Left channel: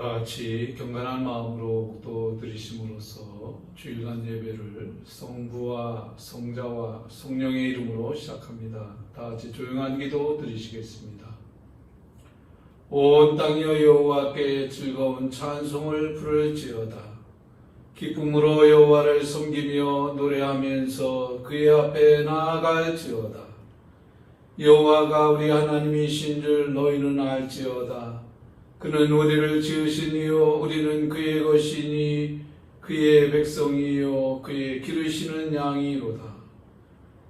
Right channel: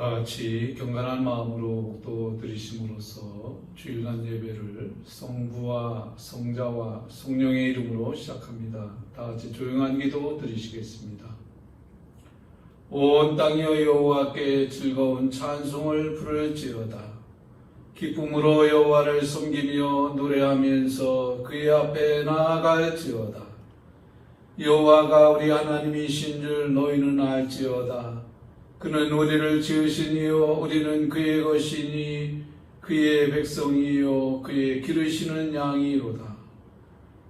다 같이 경건한 마음으로 또 드리심으로써 주일날 예배를 성부와 성자와 성령의 이름으로 시작합니다. 다 같이 조용한 기도 드리시겠습니다. 온 땅이여 여호와께 즐거운 찬송을 부를지어다. 기쁨으로 여호와를 섬기며 노래하면서 그의 앞에 나아갈지어다. 여호와가 우리 하나님이신 줄 너희는 알지어다. 그는 우리를 지으시니요 우리는 그의 것이니 그의 백성이요 그의 기르시는 양이로다.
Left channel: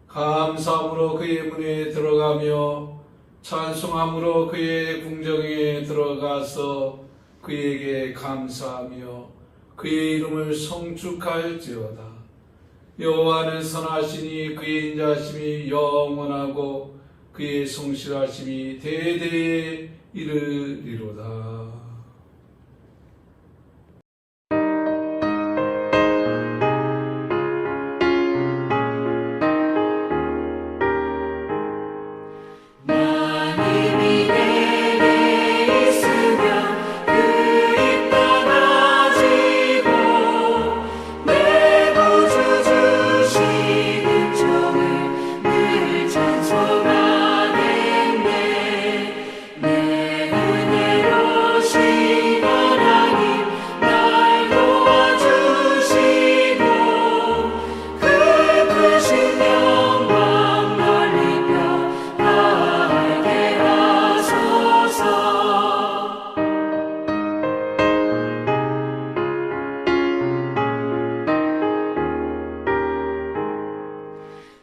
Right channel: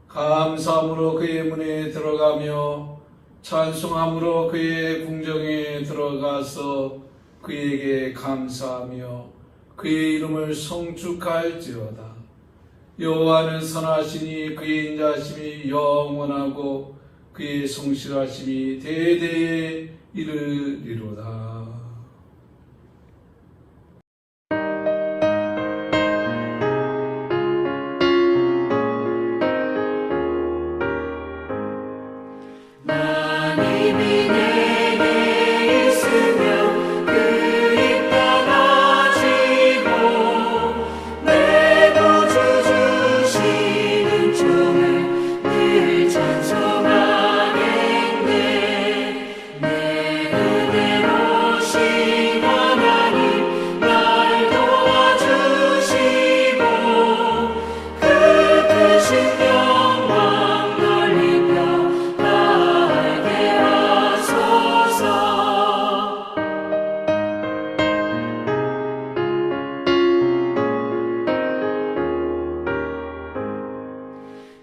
감사함으로 그의 문에 들어가며 찬송함으로 그의 궁정에 들어가서 그에게 감사하며 그의 이름을 성축할지어다. 여호와는 선하시니 그의 인자하심이 영원하고 그의 성실하심이 대대에 이르리로다.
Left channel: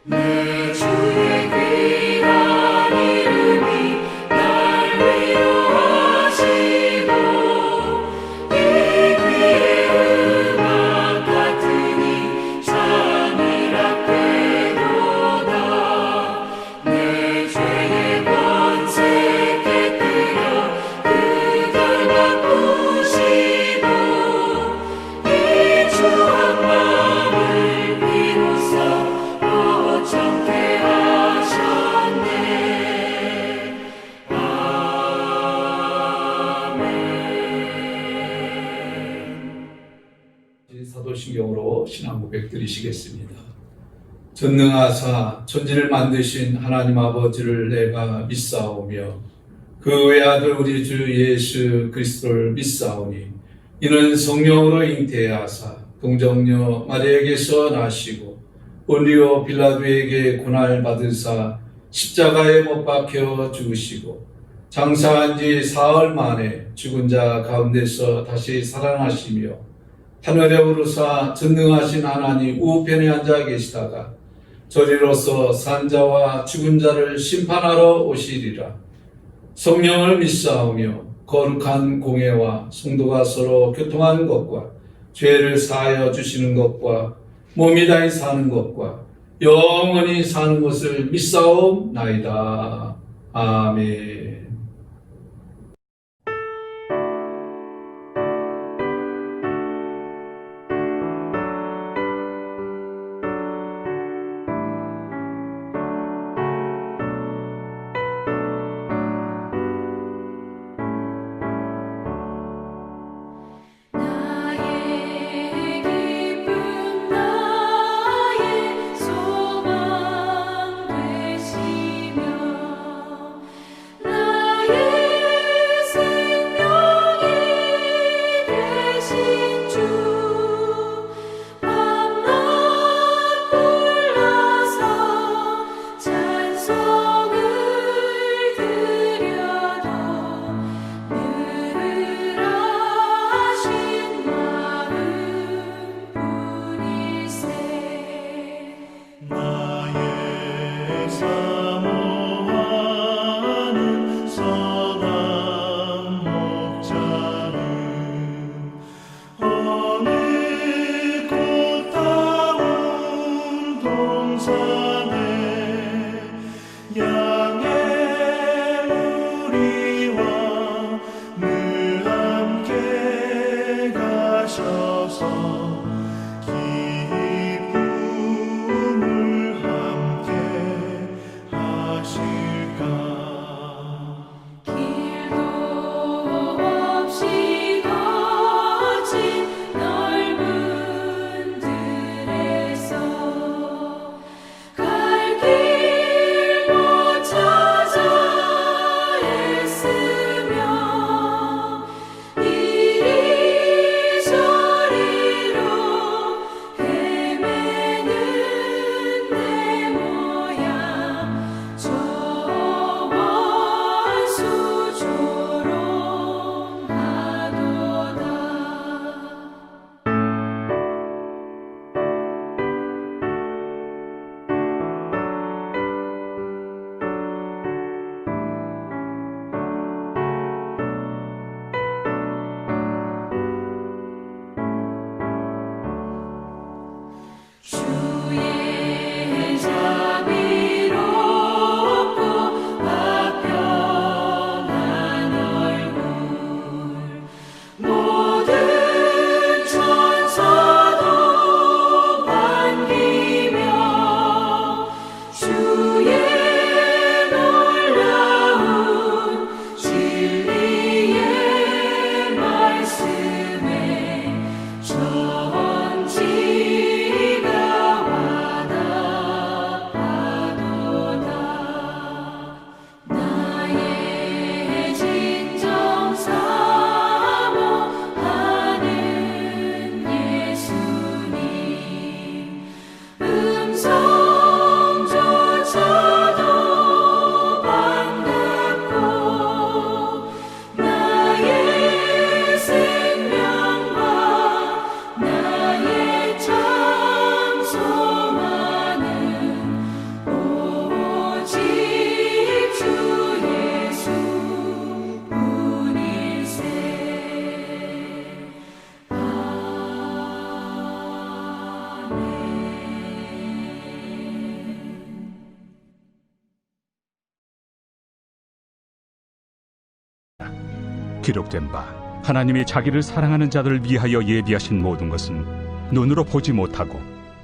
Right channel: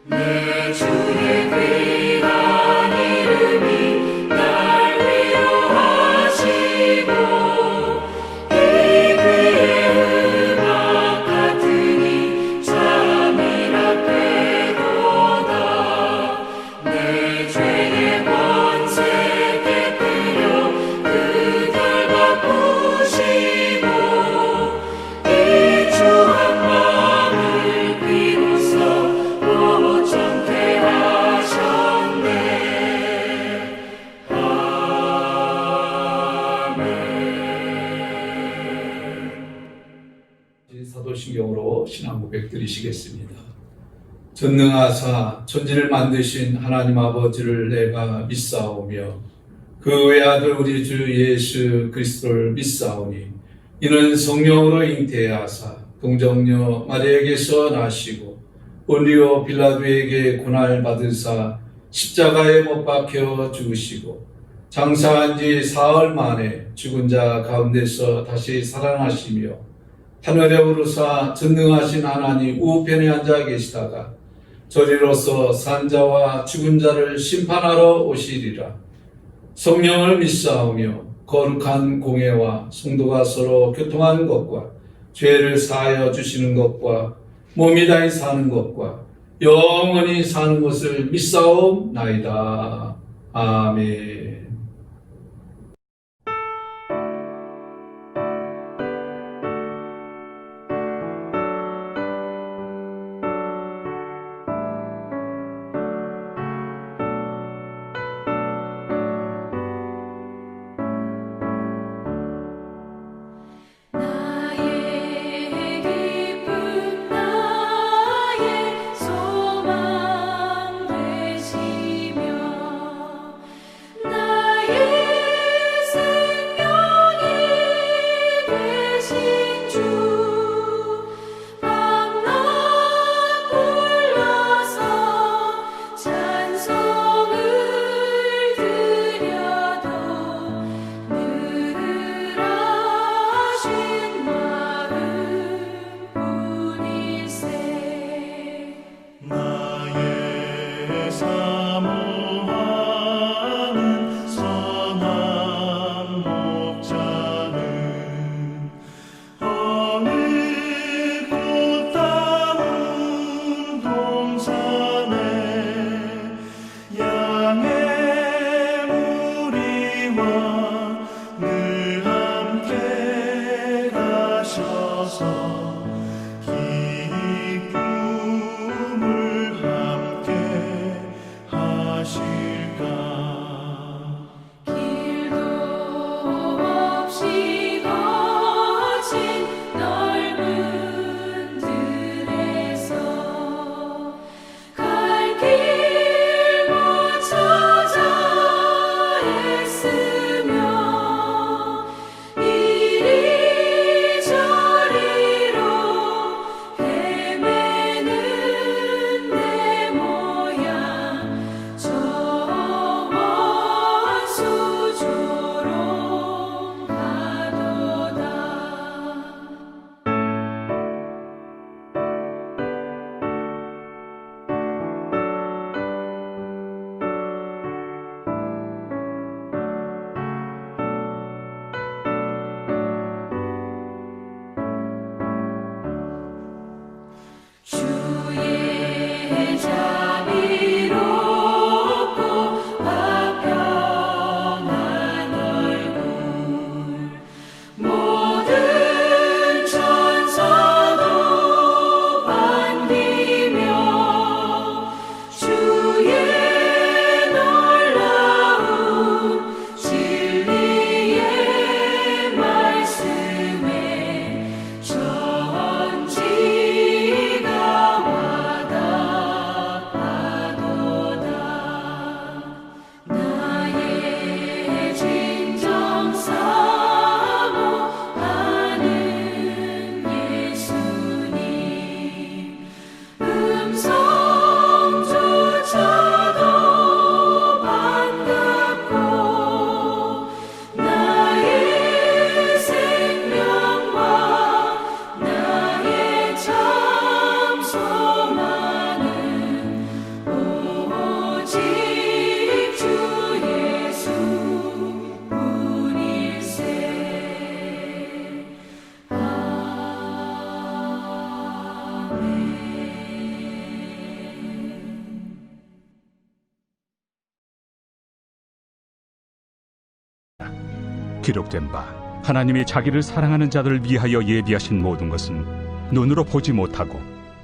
내 주의 귀한 이름이 날 위로하시고 이 귀의 음악 같으니 잠이라 꿰도다. 내 죄의 권세 깨뜨려 그들 바꾸시고 이 추한 마음을 비로소 정케 하셨네. 아멘. 사도신경으로 신앙 고백 드리시겠습니다. 전능하사 천지를 만드신 하나님 아버지를 내가 믿사오며 그 외아들 우리 주 예수 그리스도를 믿사오니 이는 성령으로 잉태하사 동정녀 마리아에게서 나시고 본디오 빌라도에게 고난을 받으사 십자가에 못 박혀 죽으시고 장사한 지 사흘 만에 죽은 자 가운데서 다시 살아나시며 하늘에 오르사 전능하신 하나님 우편에 앉아 계시다가 저리로서 산자와 죽은 자를 심판하러 오시리라. 성령을 믿사오며 거룩한 공회와 성도가 서로 교통하는 것과 죄를 사하여 주시는 것과 몸이 다히 사는 것과 영원히 사는 것을 믿사옵나이다. 아멘. 나의 기록된 바 하나님이 자기를 사랑하는 자들을 위하여 예비하신 모든 것은 눈으로 보지 못하고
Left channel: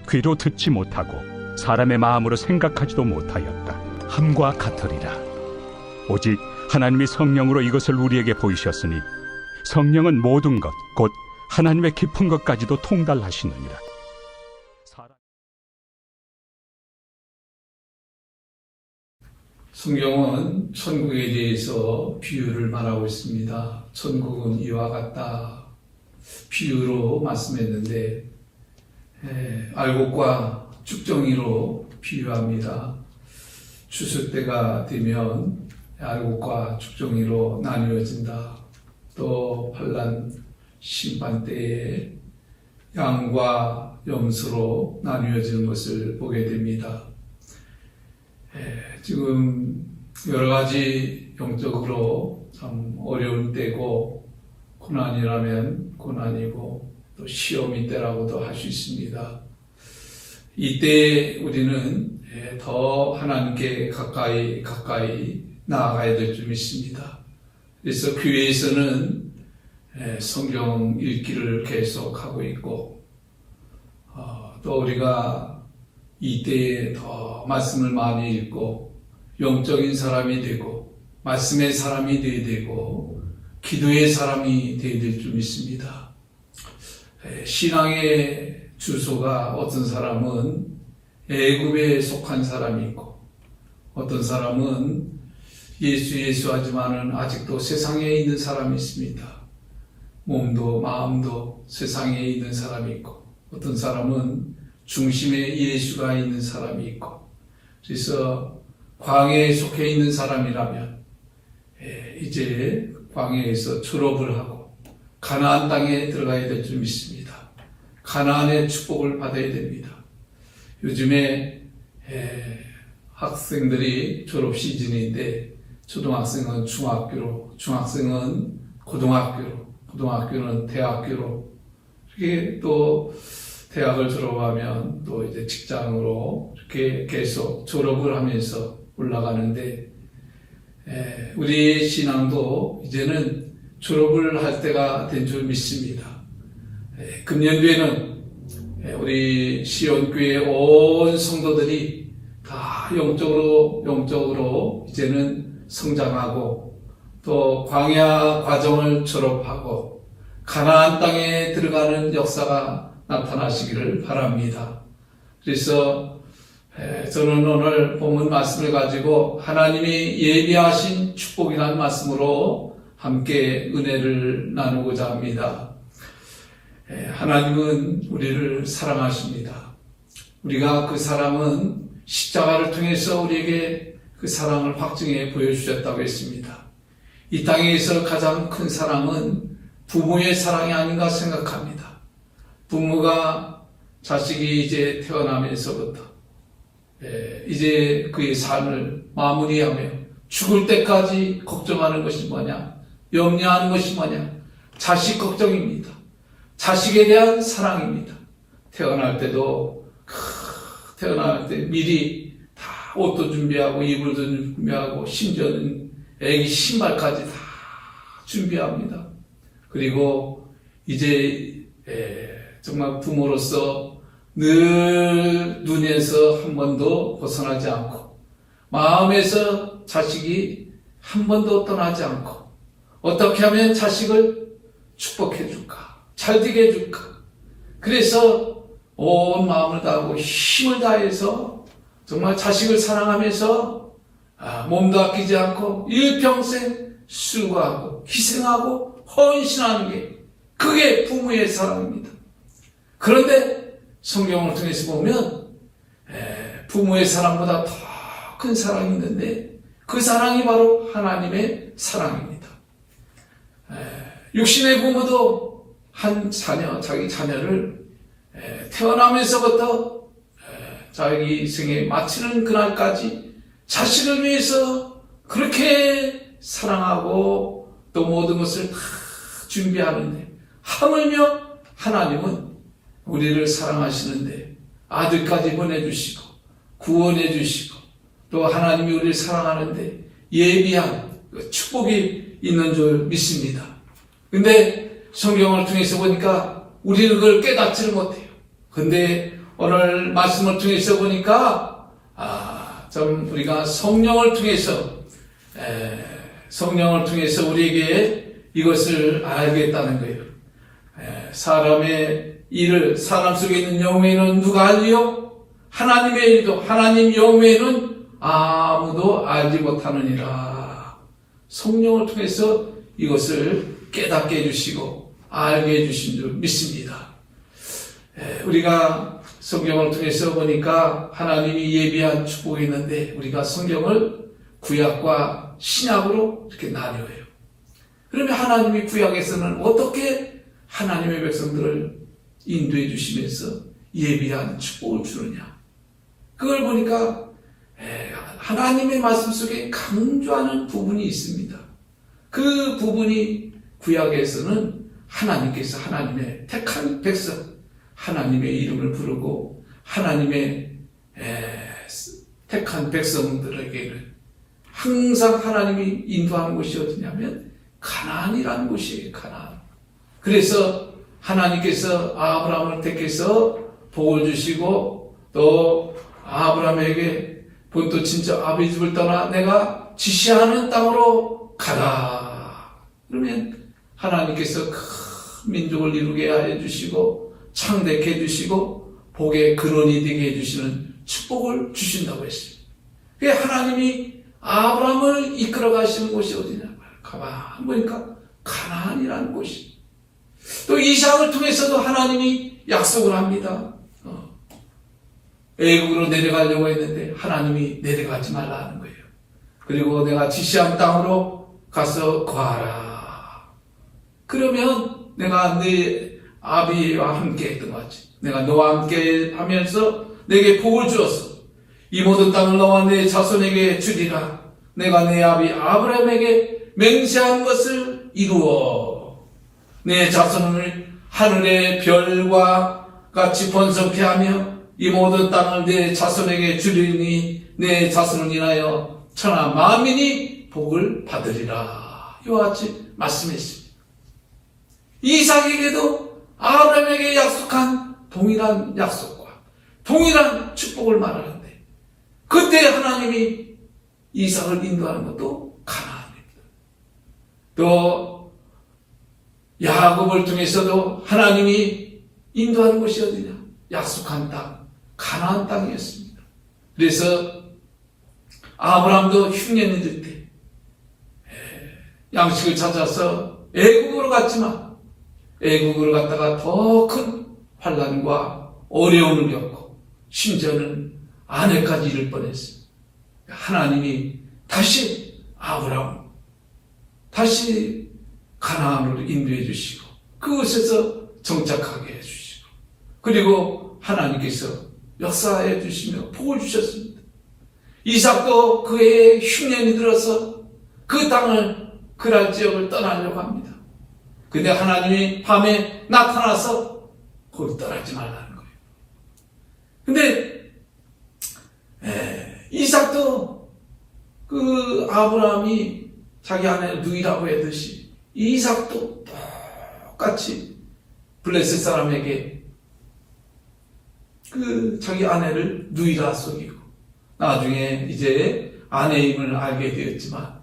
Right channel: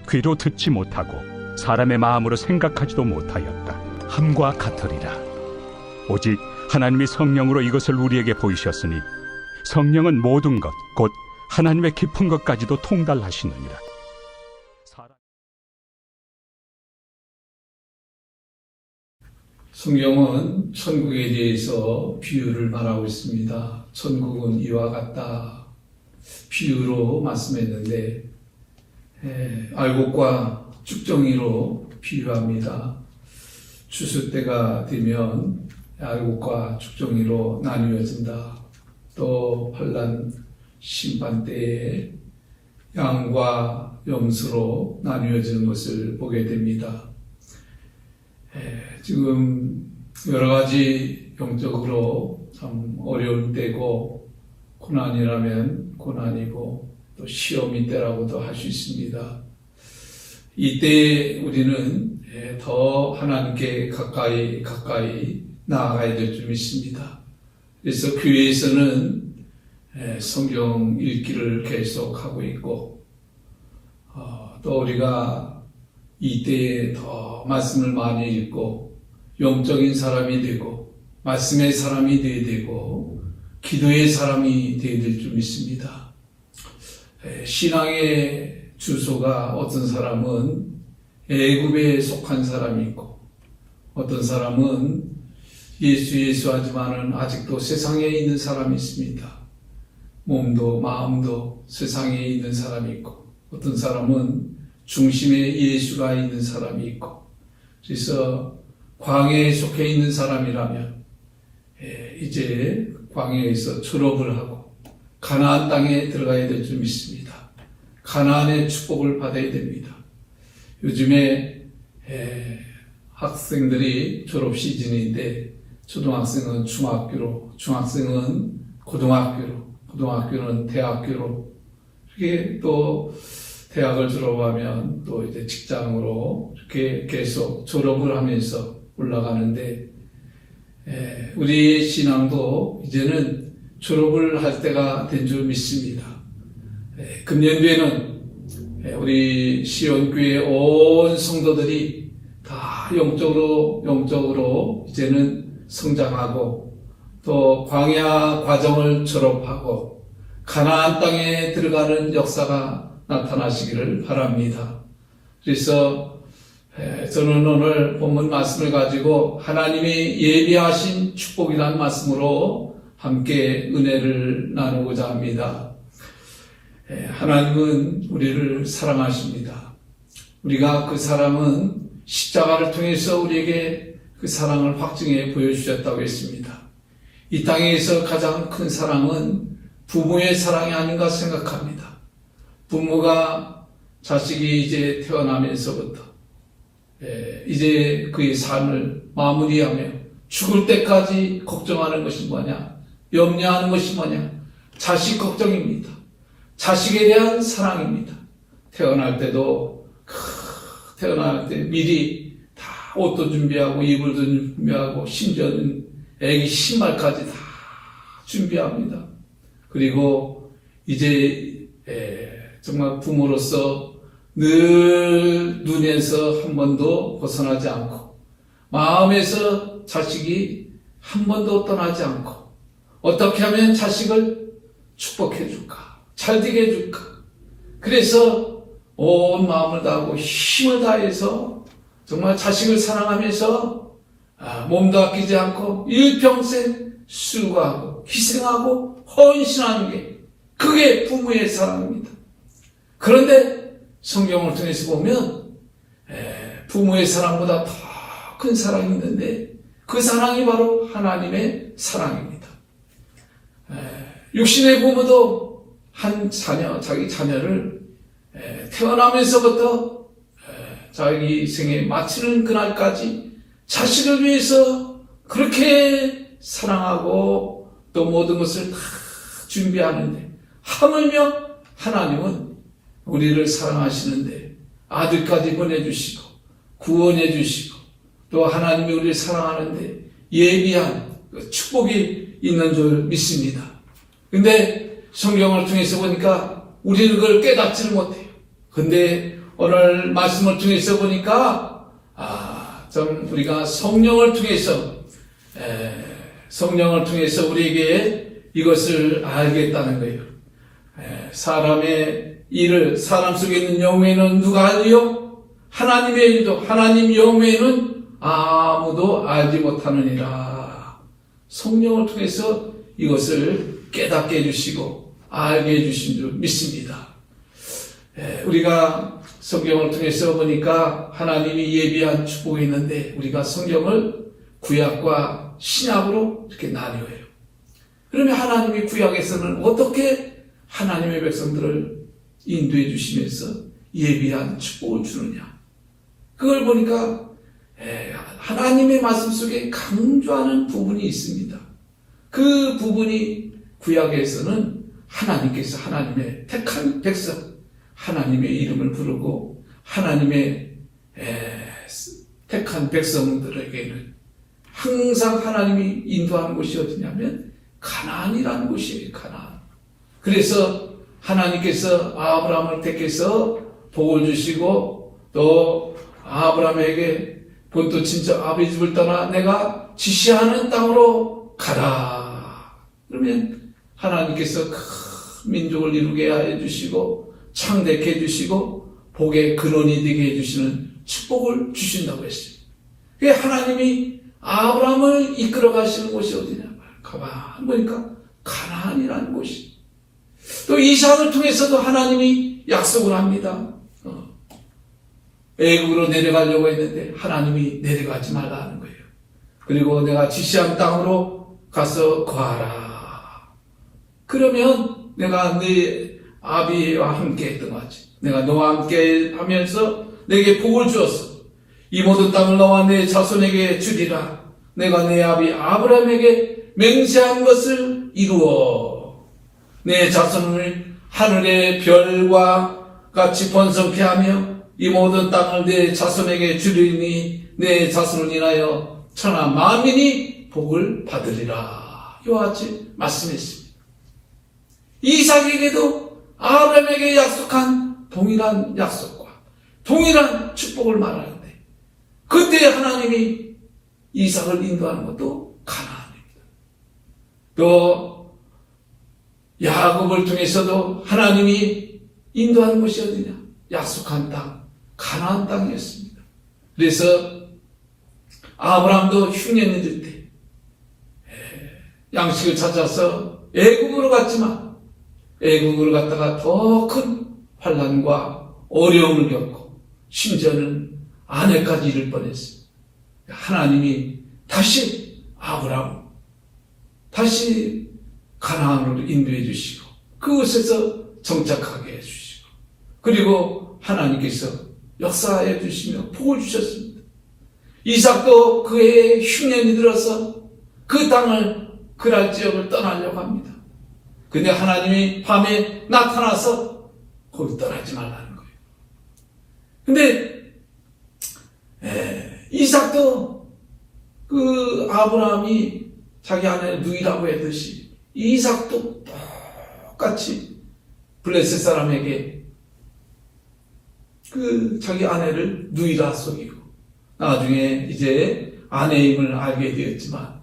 귀로 듣지 못하고 사람의 마음으로 생각하지도 못하였다 함과 같으리라. 오직 하나님이 성령으로 이것을 우리에게 보이셨으니 성령은 모든 것 곧 하나님의 깊은 것까지도 통달하시느니라. 성경은 천국에 대해서 비유를 말하고 있습니다. 천국은 이와 같다 비유로 말씀했는데 알곡과 쭉정이로 비유합니다. 추수 때가 되면 알곡과 쭉정이로 나뉘어진다. 또 환난 심판 때에 양과 염소로 나뉘어지는 것을 보게 됩니다. 지금 여러 가지 영적으로 참 어려운 때고 고난이라면 고난이고 또 시험이 때라고도 할 수 있습니다. 이때 우리는 더 하나님께 가까이 나아가야 될 줄 믿습니다. 그래서 교회에서는 성경 읽기를 계속하고 있고 또 우리가 이때에 더 말씀을 많이 읽고 영적인 사람이 되고 말씀의 사람이 되어야 되고 기도의 사람이 되어야 될 줄 믿습니다. 신앙의 주소가 어떤 사람은 애굽에 속한 사람이 있고 어떤 사람은 예수 하지만은 아직도 세상에 있는 사람이 있습니다. 몸도 마음도 세상에 있는 사람이 있고 어떤 사람은 중심에 예수가 있는 사람이 있고 그래서 광야에 속해 있는 사람이라면 이제 광야에서 졸업을 하고 가나안 땅에 들어가야 될 줄 믿습니다. 가나안의 축복을 받아야 됩니다. 요즘에 학생들이 졸업 시즌인데 초등학생은 중학교로, 중학생은 고등학교로, 고등학교는 대학교로 이렇게 또 대학을 졸업하면 또 이제 직장으로 이렇게 계속 졸업을 하면서 올라가는데 우리 신앙도 이제는 졸업을 할 때가 된 줄 믿습니다. 금년도에는 우리 시온교회 온 성도들이 다 영적으로 이제는 성장하고 또 광야 과정을 졸업하고 가나안 땅에 들어가는 역사가 나타나시기를 바랍니다. 그래서 저는 오늘 본문 말씀을 가지고 하나님이 예비하신 축복이라는 말씀으로 함께 은혜를 나누고자 합니다. 하나님은 우리를 사랑하십니다. 우리가 그 사랑은 십자가를 통해서 우리에게 그 사랑을 확증해 보여주셨다고 했습니다. 이 땅에서 가장 큰 사랑은 부모의 사랑이 아닌가 생각합니다. 부모가 자식이 이제 태어나면서부터 이제 그의 삶을 마무리하며 죽을 때까지 걱정하는 것이 뭐냐? 염려하는 것이 뭐냐? 자식 걱정입니다. 자식에 대한 사랑입니다. 태어날 때도 태어날 때 미리 다 옷도 준비하고 이불도 준비하고 심지어는 애기 신발까지 다 준비합니다. 그리고 이제 정말 부모로서 늘 눈에서 한 번도 벗어나지 않고 마음에서 자식이 한 번도 떠나지 않고 어떻게 하면 자식을 축복해 줄까? 잘되게 해줄까? 그래서 온 마음을 다하고 힘을 다해서 정말 자식을 사랑하면서 몸도 아끼지 않고 일평생 수고하고 희생하고 헌신하는 게 그게 부모의 사랑입니다. 그런데 성경을 통해서 보면 부모의 사랑보다 더 큰 사랑이 있는데 그 사랑이 바로 하나님의 사랑입니다. 육신의 부모도 자기 자녀를 태어나면서부터 자기 생에 마치는 그날까지 자식을 위해서 그렇게 사랑하고 또 모든 것을 다 준비하는데 하물며 하나님은 우리를 사랑하시는데 아들까지 보내주시고 구원해 주시고 또 하나님이 우리를 사랑하는데 예비한 축복이 있는 줄 믿습니다. 근데 성경을 통해서 보니까 우리는 그걸 깨닫지를 못해요. 근데 오늘 말씀을 통해서 보니까 좀 우리가 성령을 통해서 우리에게 이것을 알겠다는 거예요. 사람의 일을 사람 속에 있는 영매는 누가 알리요? 하나님의 일도 하나님 영매는 아무도 알지 못하느니라. 성령을 통해서 이것을 깨닫게 해주시고 알게 해주신 줄 믿습니다. 우리가 성경을 통해서 보니까 하나님이 예비한 축복이 있는데 우리가 성경을 구약과 신약으로 이렇게 나뉘어요. 그러면 하나님이 구약에서는 어떻게 하나님의 백성들을 인도해 주시면서 예비한 축복을 주느냐. 그걸 보니까 하나님의 말씀 속에 강조하는 부분이 있습니다. 그 부분이 구약에서는 하나님께서 하나님의 택한 백성, 하나님의 이름을 부르고 하나님의 택한 백성들에게는 항상 하나님이 인도하는 곳이 어디냐면 가나안이라는 곳이에요. 가나안. 그래서 하나님께서 아브라함을 택해서 복을 주시고 또 아브라함에게 본토 친척 아버지 집을 떠나 내가 지시하는 땅으로 가라. 그러면 하나님께서 큰 민족을 이루게 하여 주시고 창대케 해주시고 복의 근원이 되게 해주시는 축복을 주신다고 했어요. 그게 하나님이 아브라함을 이끌어 가시는 곳이 어디냐. 가만 보니까 가나안이라는 곳이. 또 이삭을 통해서도 하나님이 약속을 합니다. 애국으로 내려가려고 했는데 하나님이 내려가지 말라는 거예요. 그리고 내가 지시한 땅으로 가서 거하라. 그러면 내가 네 아비와 함께 했던 거지. 내가 너와 함께 하면서 내게 복을 주었어. 이 모든 땅을 너와 내 자손에게 주리라. 내가 내 아비 아브라함에게 맹세한 것을 이루어 내 자손을 하늘의 별과 같이 번성케 하며 이 모든 땅을 내 자손에게 주리니 내 자손을 인하여 천하 만민이 복을 받으리라. 이와 같이 말씀했습니다. 이삭에게도 아브라함에게 약속한 동일한 약속과 동일한 축복을 말하는데 그때 하나님이 이삭을 인도하는 것도 가나안입니다. 또 야곱을 통해서도 하나님이 인도하는 것이 어디냐? 약속한 땅, 가나안 땅이었습니다. 그래서 아브라함도 흉년이 될 때 양식을 찾아서 애국으로 갔지만 애국으로 갔다가 더 큰 환난과 어려움을 겪고 심지어는 아내까지 잃을 뻔했어요. 하나님이 다시 아브라함 다시 가나안으로 인도해 주시고 그곳에서 정착하게 해주시고 그리고 하나님께서 역사해 주시며 복을 주셨습니다. 이삭도 그의 흉년이 들어서 그 땅을 그랄 지역을 떠나려고 합니다. 근데 하나님이 밤에 나타나서 거기 떠나지 말라는 거예요. 근데 이삭도 그 아브라함이 자기 아내 누이라고 했듯이 이삭도 똑같이 블레셋 사람에게 그 자기 아내를 누이라 속이고 나중에 이제 아내임을 알게 되었지만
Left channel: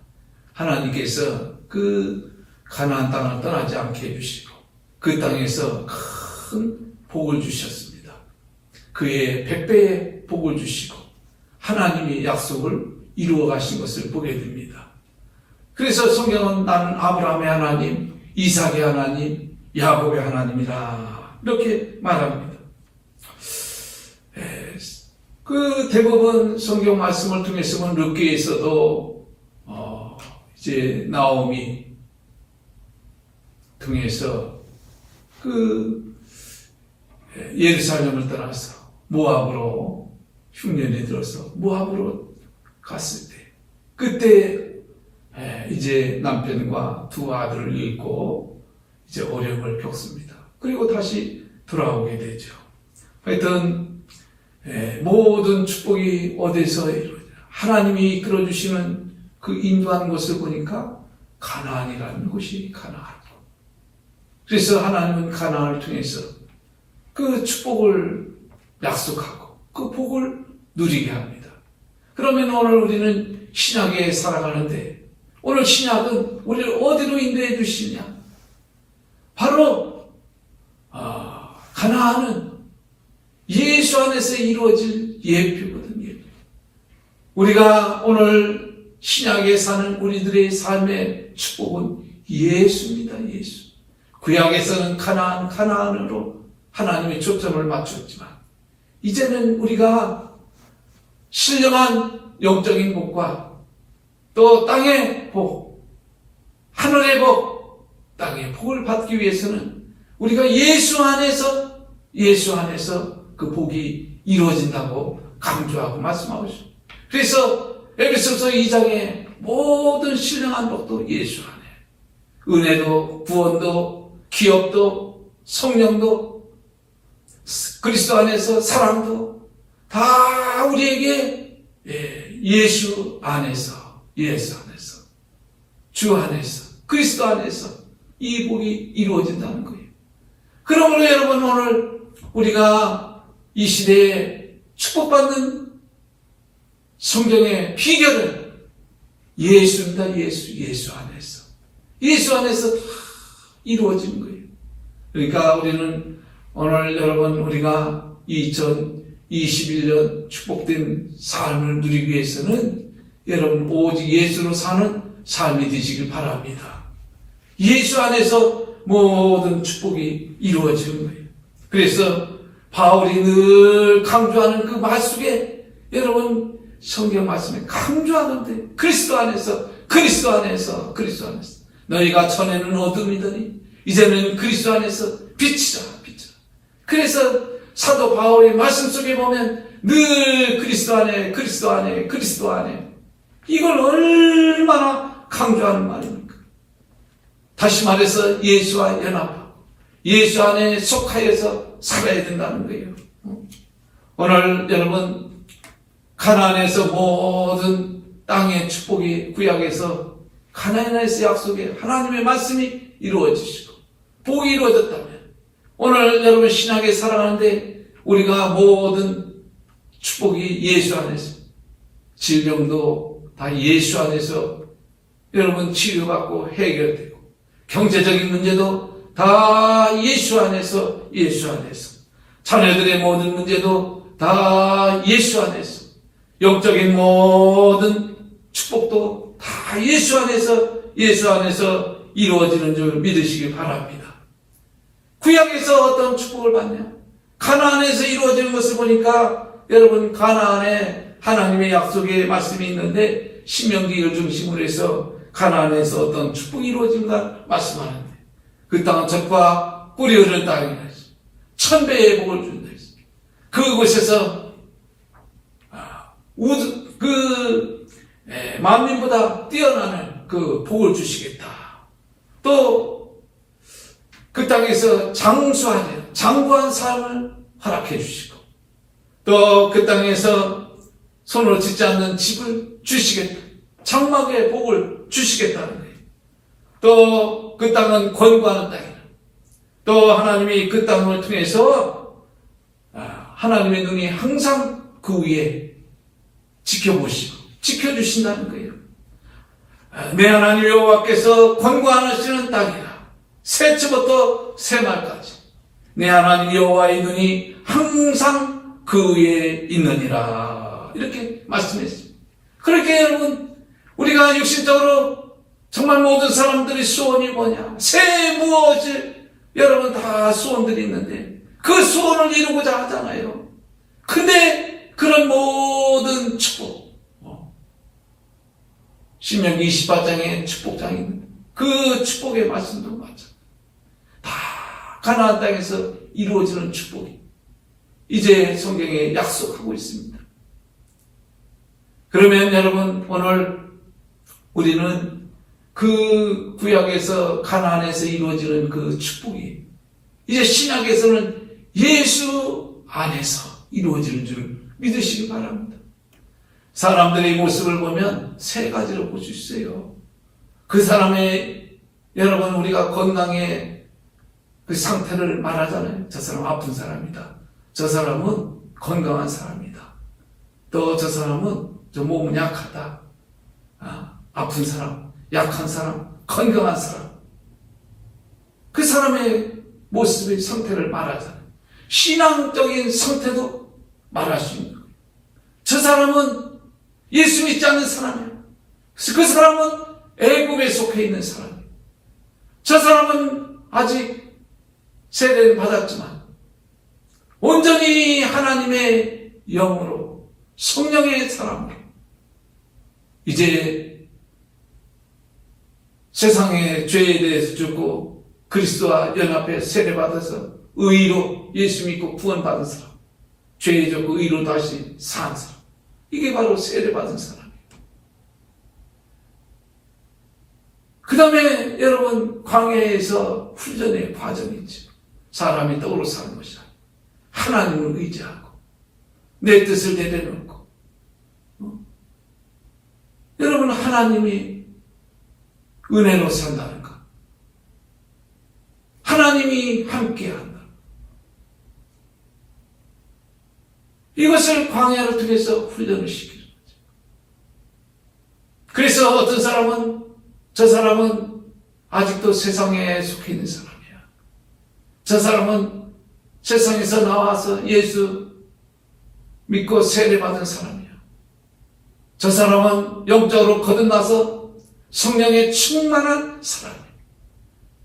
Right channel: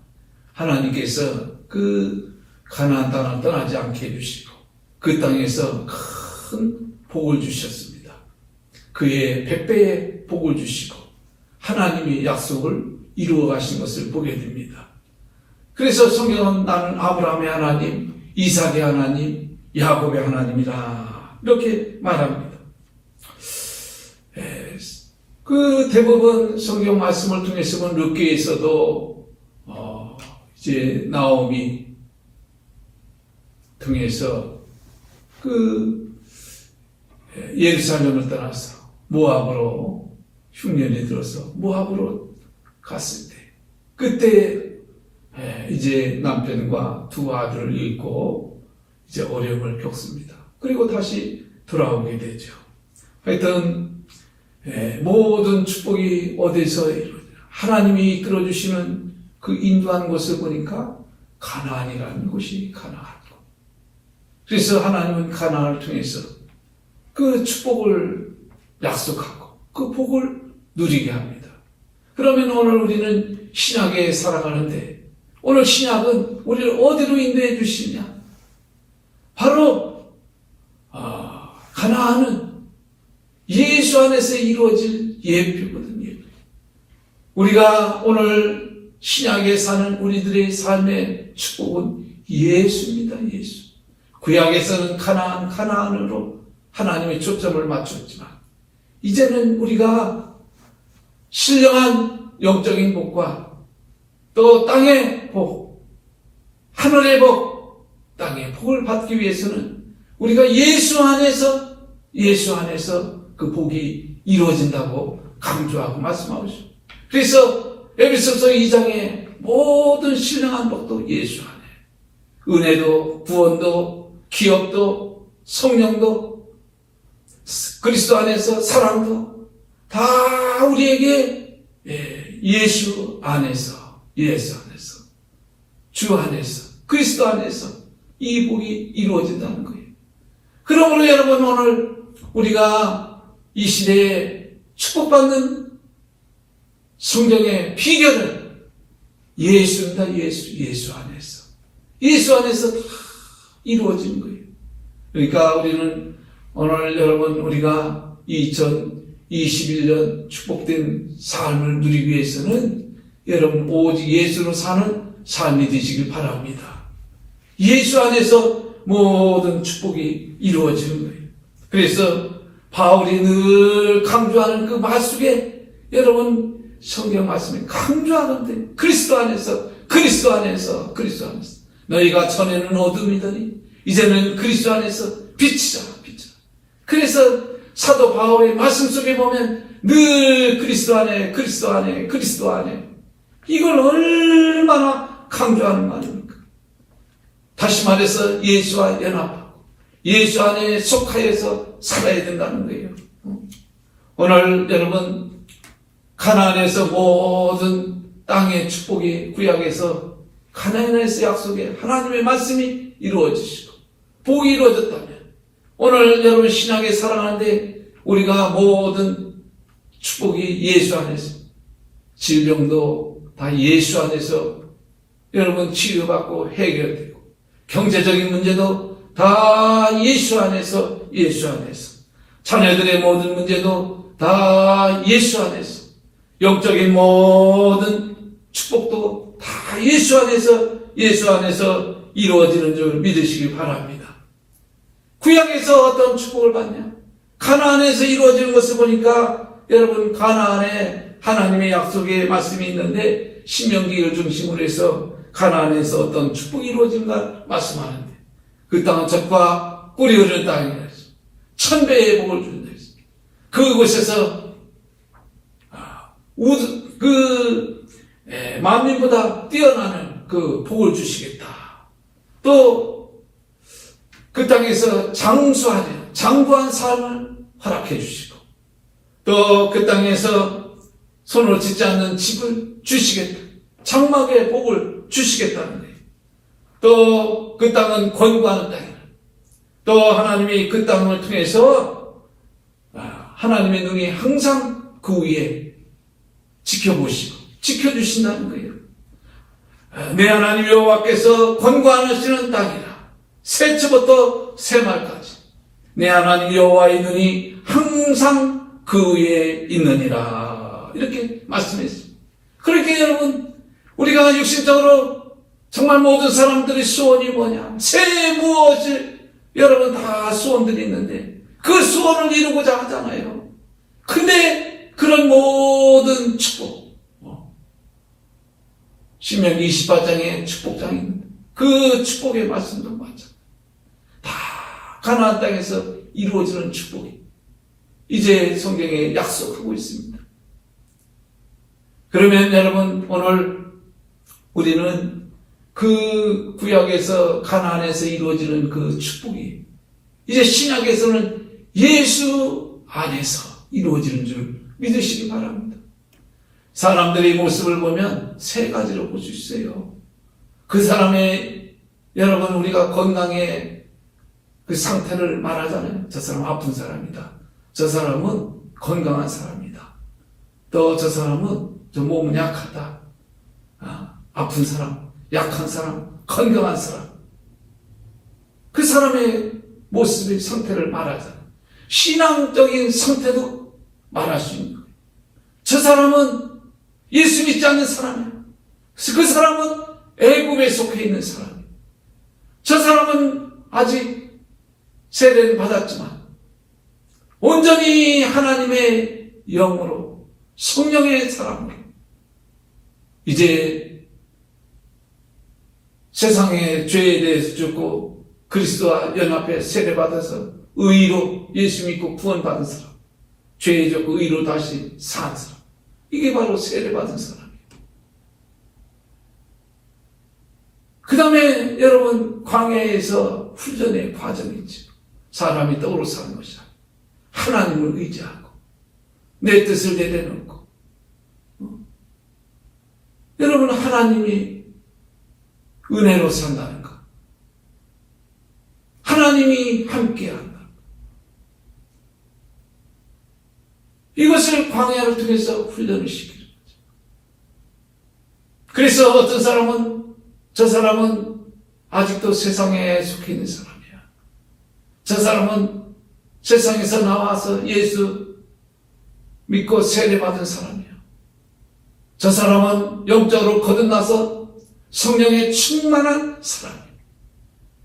하나님께서 그 가나안 땅을 떠나지 않게 해주시고 그 땅에서 큰 복을 주셨습니다. 그의 100배의 복을 주시고 하나님이 약속을 이루어 가신 것을 보게 됩니다. 그래서 성경은 나는 아브라함의 하나님, 이삭의 하나님, 야곱의 하나님이다 이렇게 말합니다. 그 대부분 성경 말씀을 통해서 본 룻기에서도 이제 나오미 통해서 그 예루살렘을 떠나서 모압으로 흉년이 들어서 모압으로 갔을 때 그때 이제 남편과 두 아들을 잃고 이제 어려움을 겪습니다. 그리고 다시 돌아오게 되죠. 하여튼 모든 축복이 어디서 이루어져요? 하나님이 이끌어주시는 그 인도하는 것을 보니까 가나안이라는 곳이 가나안. 그래서 하나님은 가나안을 통해서 그 축복을 약속하고 그 복을 누리게 합니다. 그러면 오늘 우리는 신약에 살아가는데 오늘 신약은 우리를 어디로 인도해 주시냐? 바로 가나안은 예수 안에서 이루어질 예표거든요. 우리가 오늘 신약에 사는 우리들의 삶의 축복은 예수입니다. 예수. 구약에서는 가나안으로 하나님의 초점을 맞췄지만 이제는 우리가 신령한 영적인 복과 또 땅의 복, 하늘의 복, 땅의 복을 받기 위해서는 우리가 예수 안에서 그 복이 이루어진다고 강조하고 말씀하고 있습니다. 그래서 에베소서 2장의 모든 신령한 복도 예수 안에, 은혜도 구원도 기업도 성령도 그리스도 안에서 사랑도 다 우리에게 예수 안에서 주 안에서 그리스도 안에서 이 복이 이루어진다는 거예요. 그러므로 여러분 오늘 우리가 이 시대에 축복받는 성경의 비결은 예수입니다. 예수 안에서 이루어지는 거예요. 그러니까 우리는 오늘 여러분 우리가 2021년 축복된 삶을 누리기 위해서는 여러분 오직 예수로 사는 삶이 되시길 바랍니다. 예수 안에서 모든 축복이 이루어지는 거예요. 그래서 바울이 늘 강조하는 그 말 속에 여러분 성경 말씀에 강조하는데 그리스도 안에서 너희가 전에는 어둠이더니 이제는 그리스도 안에서 빛이다. 그래서 사도 바울의 말씀 속에 보면 늘 그리스도 안에 이걸 얼마나 강조하는 말입니까? 다시 말해서 예수와 연합하고 예수 안에 속하여서 살아야 된다는 거예요. 오늘 여러분 가나안에서 모든 땅의 축복이 구약에서 가나안에서 약속에 하나님의 말씀이 이루어지시고 복이 이루어졌다면 오늘 여러분 신약에 살아가는데 우리가 모든 축복이 예수 안에서 질병도 다 예수 안에서 여러분 치료받고 해결되고 경제적인 문제도 다 예수 안에서 자녀들의 모든 문제도 다 예수 안에서 영적인 모든 축복도 다 예수 안에서 이루어지는 줄 믿으시기 바랍니다. 구약에서 어떤 축복을 받냐? 가나안에서 이루어지는 것을 보니까 여러분 가나안에 하나님의 약속의 말씀이 있는데 신명기를 중심으로 해서 가나안에서 어떤 축복이 이루어진가 말씀하는데 그 땅은 젖과 꿀이 흐르는 땅이라 했습니다. 1000배의 복을 준다 했습니다. 그곳에서 만민보다 뛰어나는 그 복을 주시겠다. 또 그 땅에서 장구한 삶을 허락해 주시고 또 그 땅에서 손으로 짓지 않는 집을 주시겠다. 장막의 복을 주시겠다는 거예요. 또 그 땅은 권고하는 땅이다. 또 하나님이 그 땅을 통해서 하나님의 눈이 항상 그 위에 지켜보시고 지켜주신다는 거예요. 내 하나님 여호와께서 권고하시는 땅이라. 새치부터 새말까지 내 하나님 여호와의 눈이 항상 그 위에 있느니라. 이렇게 말씀했습니다. 그렇게 여러분 우리가 육신적으로 정말 모든 사람들의 소원이 뭐냐? 새 무엇을 여러분 다 소원들이 있는데 그 소원을 이루고자 하잖아요. 근데 그런 모든 축복 신명기 28장에 축복장이 있는데 그 축복의 말씀도 맞아. 다 가나안 땅에서 이루어지는 축복이 이제 성경에 약속하고 있습니다. 그러면 여러분 오늘 우리는 그 구약에서 가나안에서 이루어지는 그 축복이 이제 신약에서는 예수 안에서 이루어지는 줄 믿으시기 바랍니다. 사람들의 모습을 보면 세 가지로 볼 수 있어요. 그 사람의 여러분 우리가 건강에 그 상태를 말하잖아요. 저 사람 아픈 사람이다. 저 사람은 건강한 사람이다. 또 저 사람은 저 몸은 약하다. 아픈 사람, 약한 사람, 건강한 사람. 그 사람의 모습의 상태를 말하잖아요. 신앙적인 상태도 말할 수 있는 거예요. 저 사람은 예수 믿지 않는 사람이에요. 그 사람은 애굽에 속해 있는 사람이에요. 저 사람은 아직 세례를 받았지만 온전히 하나님의 영으로 성령의 사람이에요. 이제 세상의 죄에 대해서 죽고 그리스도와 연합해 세례받아서 의로 예수 믿고 구원받은 사람, 죄에 죽고 의로 다시 산 사람, 이게 바로 세례받은 사람이에요. 그 다음에 여러분, 광야에서 훈련의 과정이죠. 사람이 떡으로 사는 것이야. 하나님을 의지하고 내 뜻을 내려놓고, 여러분, 하나님이 은혜로 산다는 것, 하나님이 함께한다. 이것을 광야를 통해서 훈련을 시키는 거죠. 그래서 어떤 사람은, 저 사람은 아직도 세상에 속해 있는 사람이야. 저 사람은 세상에서 나와서 예수 믿고 세례받은 사람이야. 저 사람은 영적으로 거듭나서 성령에 충만한 사람이야.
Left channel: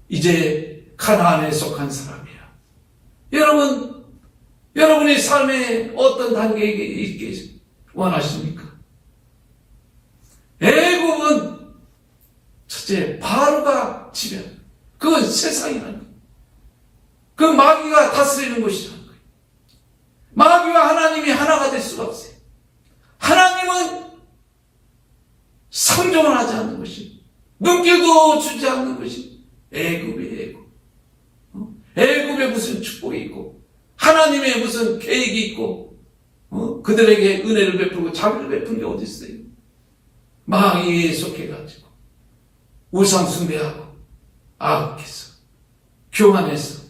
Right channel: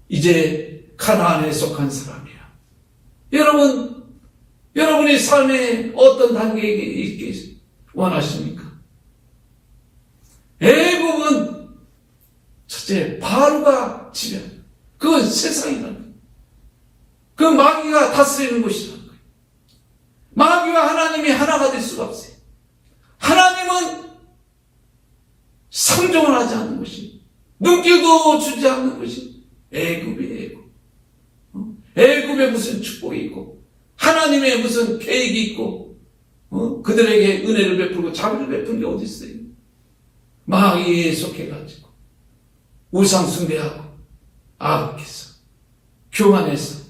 이제 가나안에 속한 사람이야. 여러분의 삶에 어떤 단계에 있기 원하십니까? 애국은 첫째, 바로가 지배. 그건 세상이라는 거예요. 그 마귀가 다스리는 것이라는 거예요. 마귀와 하나님이 하나가 될 수가 없어요. 하나님은 상종을 하지 않는 것이, 눈길도 주지 않는 것이 애굽이에요. 애굽에 무슨 축복이 있고 하나님의 무슨 계획이 있고 그들에게 은혜를 베푸고 자비를 베푼 게 어디 있어요? 마귀에 속해가지고 우상 숭배하고 아합해서 교만해서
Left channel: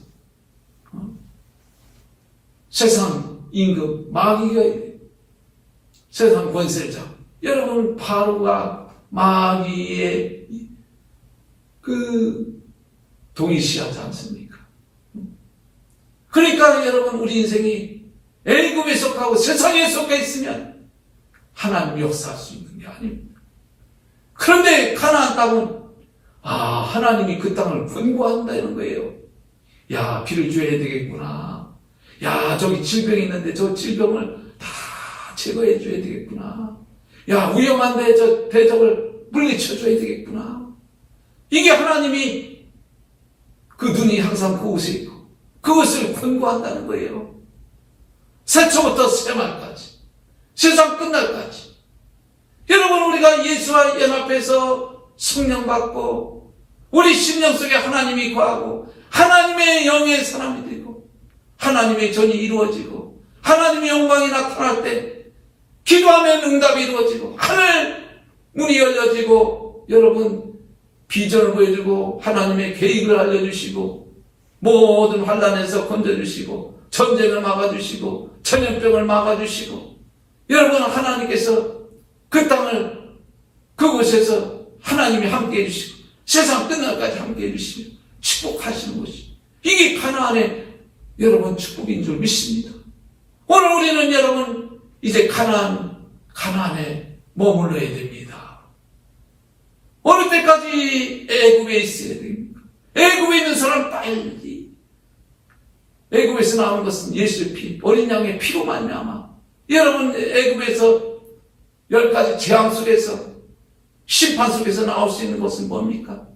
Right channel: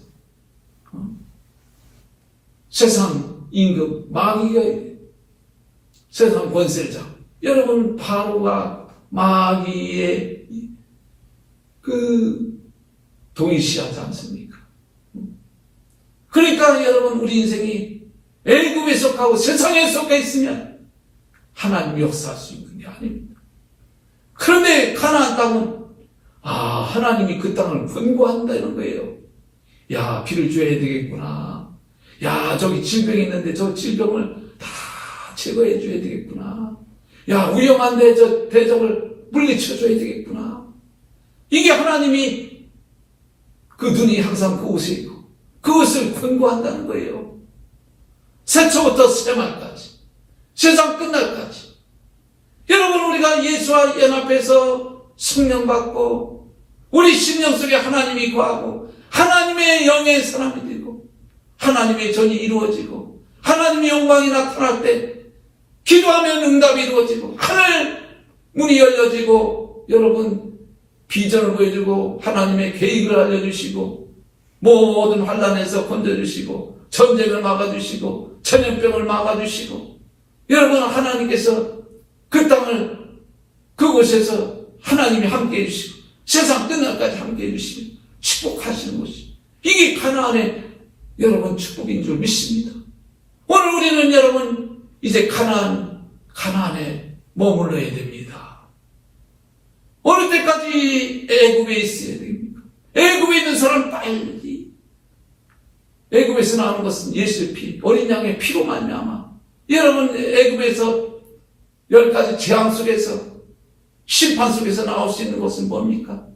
세상 임금 마귀가 세상 권세자, 여러분, 바로가 마귀의 동일시하지 않습니까? 그러니까 여러분, 우리 인생이 애굽에 속하고 세상에 속해 있으면 하나님 역사할 수 있는 게 아닙니다. 그런데 가나안 땅은 하나님이 그 땅을 권고한다는 거예요. 야, 비를 줘야 되겠구나. 야, 저기 질병이 있는데 저 질병을 다 제거해 줘야 되겠구나. 야, 위험한데 저 대적을 물리쳐 줘야 되겠구나. 이게 하나님이 그 눈이 항상 그곳에 있고 그것을 권고한다는 거예요. 새초부터 새말까지, 세상 끝날까지. 여러분, 우리가 예수와 연합해서 성령 받고 우리 심령 속에 하나님이 거하고 하나님의 영의 사람이 되고 하나님의 전이 이루어지고 하나님의 영광이 나타날 때 기도하면 응답이 이루어지고 하늘 문이 열려지고 여러분 비전을 보여주고 하나님의 계획을 알려주시고 모든 환난에서 건져주시고 전쟁을 막아주시고 전염병을 막아주시고 여러분 하나님께서 그 땅을 그곳에서 하나님이 함께해 주시고 세상 끝날까지 함께해 주시고 축복하시는 것이 이게 가나안의 여러분 축복인 줄 믿습니다. 오늘 우리는 여러분 이제 가나안에 머물러야 됩니다. 어느 때까지 애굽에 있어야 됩니까? 애굽에 있는 사람 빨리. 애굽에서 나오는 것은 예수의 피, 어린 양의 피로 말미암아. 여러분 애굽에서 10가지 재앙 속에서 심판 속에서 나올 수 있는 것은 뭡니까?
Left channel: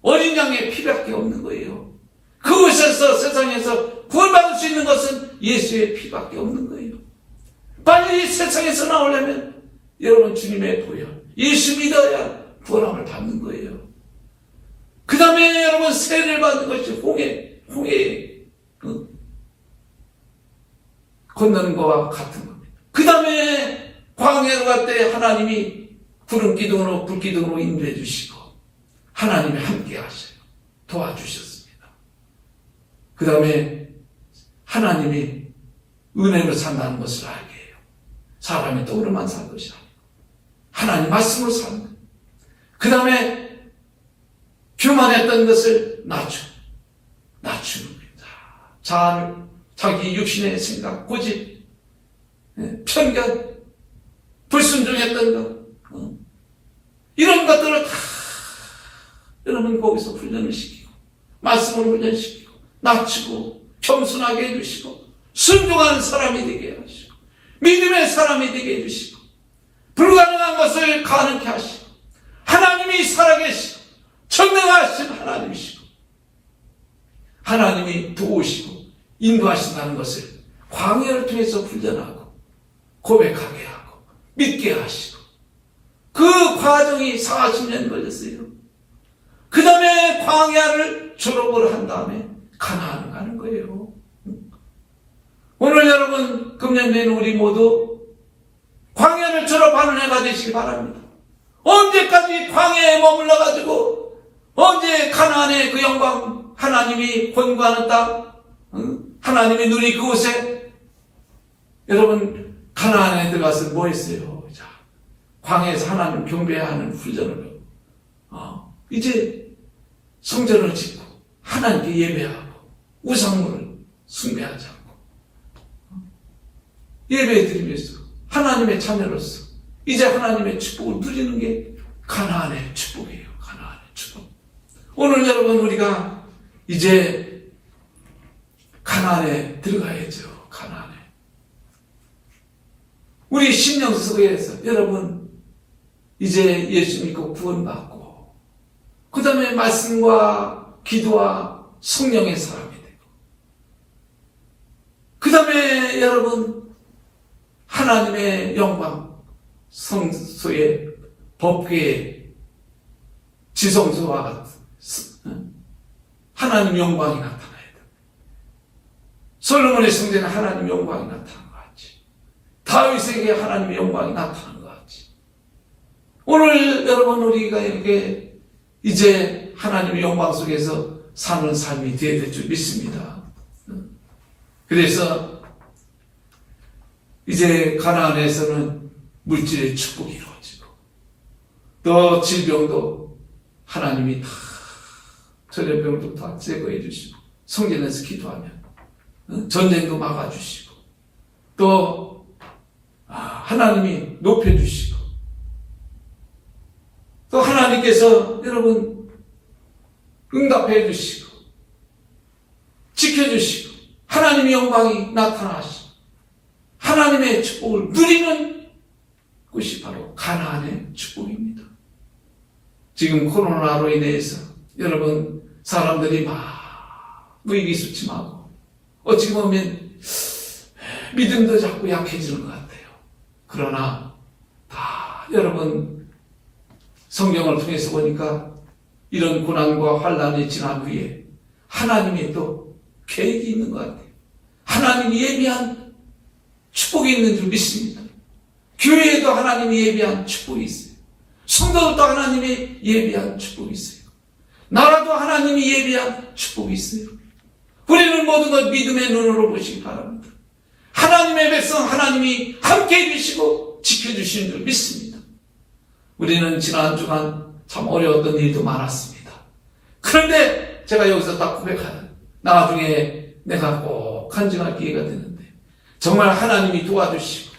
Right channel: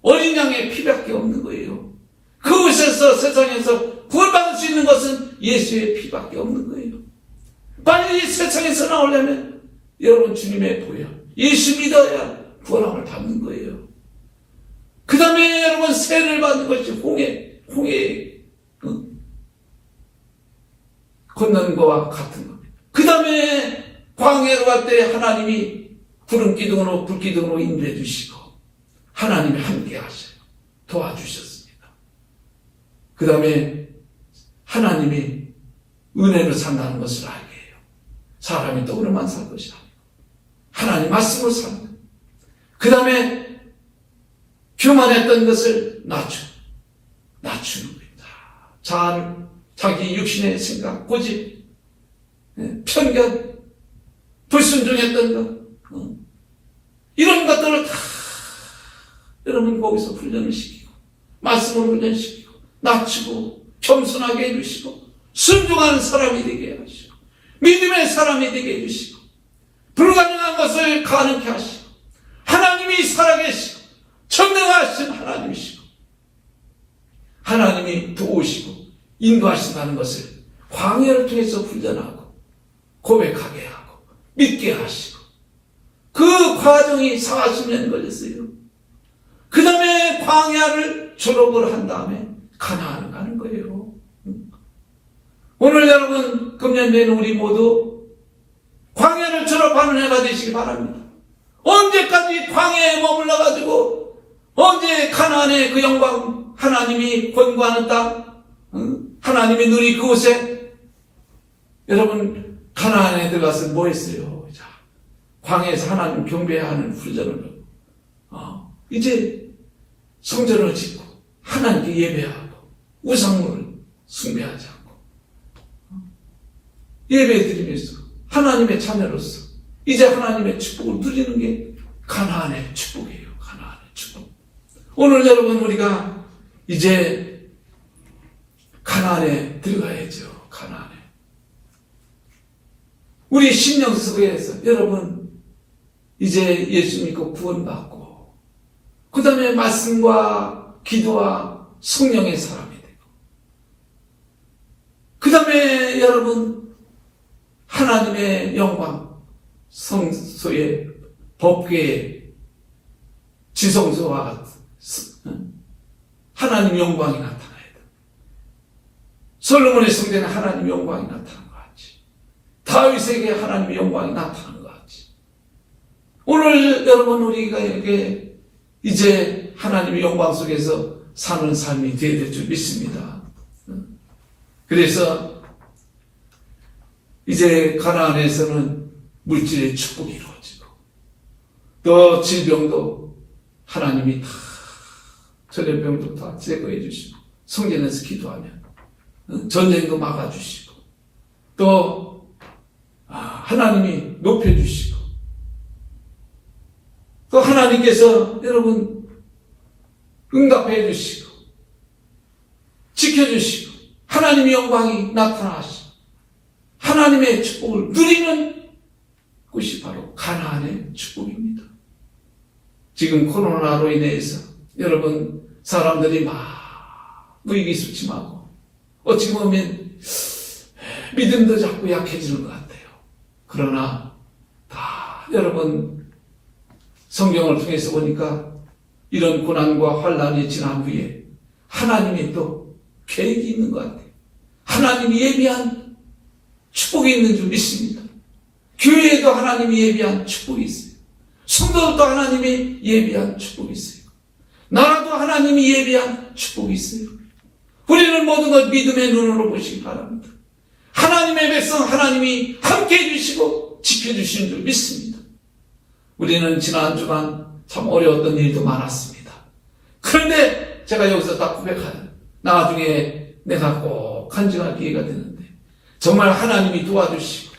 어린 양의 피밖에 없는 거예요. 그곳에서 세상에서 구원받을 수 있는 것은 예수의 피밖에 없는 거예요. 빨리 세상에서 나오려면 여러분 주님의 보혈, 예수 믿어야 구원함을 받는 거예요. 그 다음에 여러분 세례를 받는 것이 홍해 건너는 것과 같은 겁니다. 그 다음에 광야로 갈 때 하나님이 구름 기둥으로 불 기둥으로 인도해 주시고 하나님이 함께 하셔요. 도와주셨습니다. 그 다음에 하나님이 은혜로 산다는 것을 알게 해요. 사람이 떡으로만 살 것이 아니고 하나님 말씀으로 사는 거예요. 그 다음에 교만했던 것을 낮추는 겁니다. 자기 육신의 생각, 고집, 편견, 불순종했던 것, 이런 것들을 다 여러분 거기서 훈련을 시키고 말씀을 훈련시키고 낮추고 겸손하게 해주시고 순종하는 사람이 되게 하시고 믿음의 사람이 되게 해주시고 불가능한 것을 가능케 하시고 하나님이 살아계시고 전능하신 하나님이시고 하나님이 도우시고 인도하신다는 것을 광야를 통해서 훈련하고 고백하게 하고 믿게 하시고 그 과정이 40년 걸렸어요. 그 다음에 광야를 졸업을 한 다음에 가나안을 가는 거예요. 오늘 여러분 금년도에는 우리 모두 광야를 졸업하는 해가 되시기 바랍니다. 언제까지 광야에 머물러가지고 언제 가나안의 그 영광 하나님이 권고하는 땅 하나님이 누리 그곳에 여러분 가나안에 들어가서 뭐 했어요? 자, 광야에서 하나님 경배하는 훈련을 이제 성전을 짓고 하나님께 예배하고 우상물을 숭배하지 않고 예배드리면서 하나님의 자녀로서 이제 하나님의 축복을 누리는 게 가나안의 축복이에요. 가나안의 축복. 오늘 여러분 우리가 이제 가나안에 들어가야죠. 가나안에. 우리 신명서에서 여러분 이제 예수 믿고 구원받고 그 다음에 말씀과 기도와 성령의 사람이 되고 그 다음에 여러분 하나님의 영광 성소의 법궤의 지성소와 하나님 영광이 나타나야 돼. 솔로몬의 성전에 하나님 영광이 나타난 것 같이 다윗에게 하나님의 영광이 나타난 것 같이 오늘 여러분 우리가 이제 하나님의 영광 속에서 사는 삶이 되어야 될 줄 믿습니다. 그래서 이제 가나안에서는 물질의 축복이 이루어지고 또 질병도 하나님이 다 전염병도 다 제거해 주시고 성전에서 기도하면 전쟁도 막아주시고 또 하나님이 높여주시고 또 하나님께서 여러분 응답해 주시고 지켜주시고 하나님의 영광이 나타나시고 하나님의 축복을 누리는 곳이 바로 가나안의 축복입니다. 지금 코로나로 인해서 여러분 사람들이 막 의기소침하고 어찌 보면 믿음도 자꾸 약해지는 것 같아요. 그러나 다 여러분 성경을 통해서 보니까 이런 고난과 환난이 지난 후에 하나님이 또 계획이 있는 것 같아요. 하나님이 예비한 축복이 있는 줄 믿습니다. 교회에도 하나님이 예비한 축복이 있어요. 성도들도 하나님이 예비한 축복이 있어요. 나라도 하나님이 예비한 축복이 있어요. 우리는 모든 것 믿음의 눈으로 보시기 바랍니다. 하나님의 백성 하나님이 함께 해주시고 지켜주시는 줄 믿습니다. 우리는 지난 주간 참 어려웠던 일도 많았습니다. 그런데 제가 여기서 딱 고백하는 나중에 내가 꼭 간증할 기회가 되는데 정말 하나님이 도와주시고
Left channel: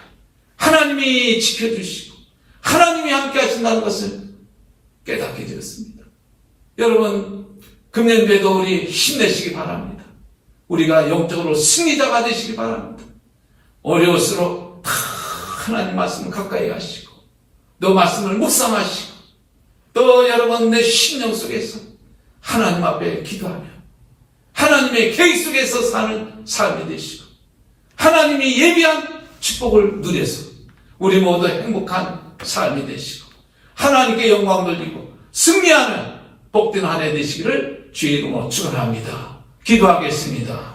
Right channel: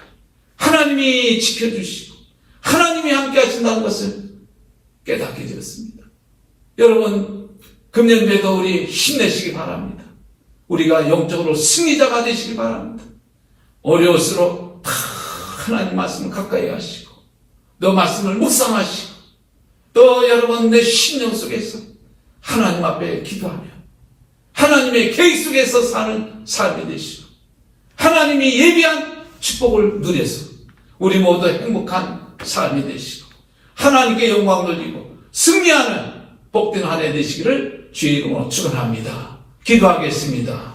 하나님이 지켜주시고 하나님이 함께 하신다는 것을 깨닫게 되었습니다. 여러분 금년도에도 우리 힘내시기 바랍니다. 우리가 영적으로 승리자가 되시기 바랍니다. 어려울수록 다 하나님 말씀을 가까이 하시고 또 말씀을 묵상하시고 또 여러분 내 심령 속에서 하나님 앞에 기도하며 하나님의 계획 속에서 사는 삶이 되시고 하나님이 예비한 축복을 누려서 우리 모두 행복한 삶이 되시고 하나님께 영광 돌리고 승리하는 복된 한 해 되시기를 주의 이름으로 축원합니다. 기도하겠습니다.